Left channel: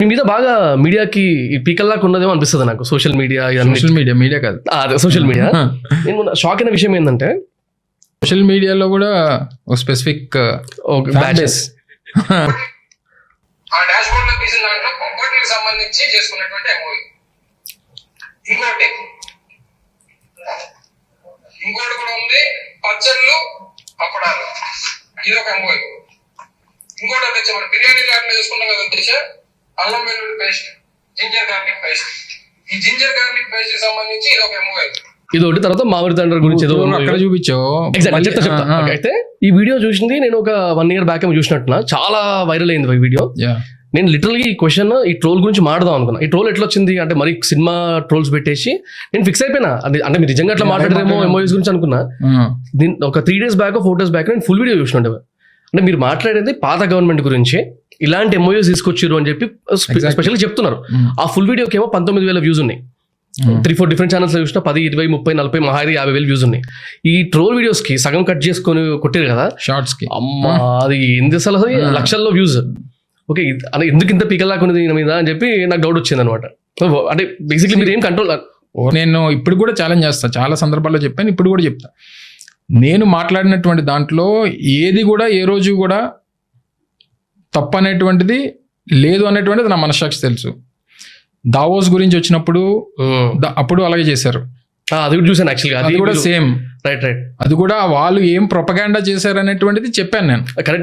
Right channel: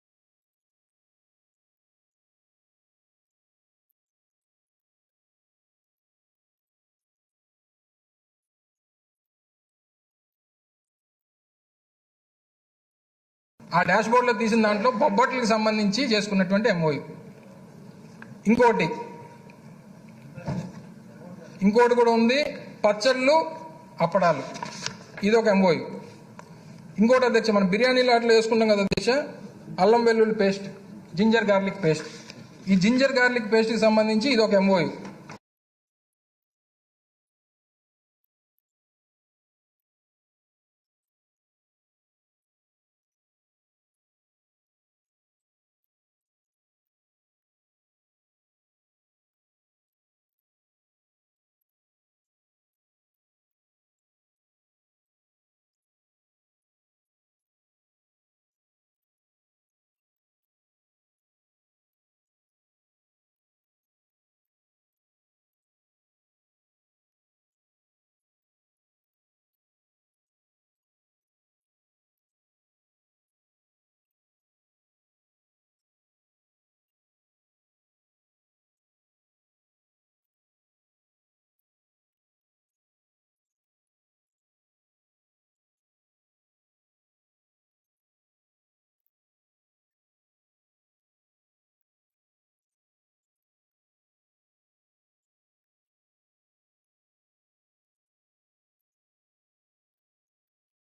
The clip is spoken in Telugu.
మీ మీద బాగా మీడియాకి పీకల్లాగా ఉన్నదేమో అనిపిస్తుంది నాకు. సోషల్ మీడియా మీడియా కాదు, అదే సోషల్ మీడియా. నేను షాక్ అయిన విషయం ఏంటంటే సోషల్ మీడియాలో కూడా ఒక స్పెసిఫిక్ బ్యాచెస్ ఆ డాష్ బోర్డ్ లో తీసిన దాంట్లో బొబ్బట్లకు సంబంధించి చేసుకున్నటువంటి ఎంఓయూ. ఇంకోటి కూడా ఉంది, పచ్చళ్ళు అప్పడాలు, ఇది ఒక ఎంఓయూ. ఇంకోటి అధ్యక్ష మనం బిర్యానీలో అట్లా చేసుకున్నాం కదా అధ్యక్ష, అల్లం వెల్లుల్లి పేస్ట్, జింజర్ గార్లిక్ పేస్ట్. ఈ జింజర్ గార్లిక్ పేస్ట్ కి సంబంధించి ఇది ఒక ఎంఓయూ. ఇది ఒకటి. తర్వాత మామిడి తండ్రి గురించి ఏదో అక్కడ చూపించావు. చెప్తా. అయితే ఈ వీడియో చూసింది నేను ఒక 1 year బ్యాక్ చూసినట్టున్నా, చాలా వైరల్ అయింది ఈ వీడియో. నేను లిటరల్గా ఈ క్వశ్చన్ ఈ ట్రోల్ గురించి మాట్లాడదాం అనుకున్నా. ఈ ట్రోల్ ఎట్లా వచ్చింది అంటే మరి సినిమా ట్రోల్స్ పెట్టేసి నేను ఫిక్స్ అయిపోయినా. అంటే మీరు నిజంగా అట్లా మాట్లాడరేమో ఎంఓయూస్ గురించి అనుకున్నా. ఒక 3 days బ్యాక్ 4 days బ్యాక్ నేను ఫుల్ వీడియో చూసినట్టు. అంటే మీరు మాట్లాడేది పాత గవర్నమెంట్ గురించి, ఇలాంటి ఎంఓయూస్ తీసుకొచ్చారు అని చెప్పి స్పెషల్గా చెప్తున్నారు. ఆ ఫుల్ వీడియోకి ఏమో 19,000 వ్యూస్ ఉన్నాయి. 3-4 డిఫరెంట్ ఛానల్స్ చూసినా 10, 20, 30, 40, మహా 50,000 వ్యూస్ ఉన్నాయి. ఈ ట్రోల్ వీడియోస్ కి సగం కట్ చేసుకొని కొట్టారు కదా షార్ట్స్ కి. అమ్మా అది ఎందుకు అసలు లక్షల్లో వ్యూస్. ఓకే అంటే ఎందుకు ఇంత పీకలాకున్నది దీని మీద అని చెప్పి నాకు డౌట్ వచ్చింది అనమాట. అంటే బేసిక్లీ మీరు ఏం కంట్రోల్. నేను ఇప్పుడు కూడా ఛాలెంజ్ చేస్తాను, చాలా సందర్భాల్లో చెప్పాను, ఇప్పుడు కూడా చెప్తా. నేను మాట్లాడినటువంటి దాంట్లో ఏది కూడా ఏ రోజు కూడా తప్పు అనేటువంటిది లేదు అనేటువంటిది నా మనస్సాక్షి తెలుసు. దావోస్ గురించి వచ్చినప్పుడు అప్పుడు అలాగే చేశారు. అది కూడా చూసాను యాక్చువల్గా. అది కూడా సేమ్. రైట్. అది కూడా వాళ్ళు ఏం ప్రొపగాండా చేశారు అనేటువంటిది చెప్పాను నేను. కరెక్ట్.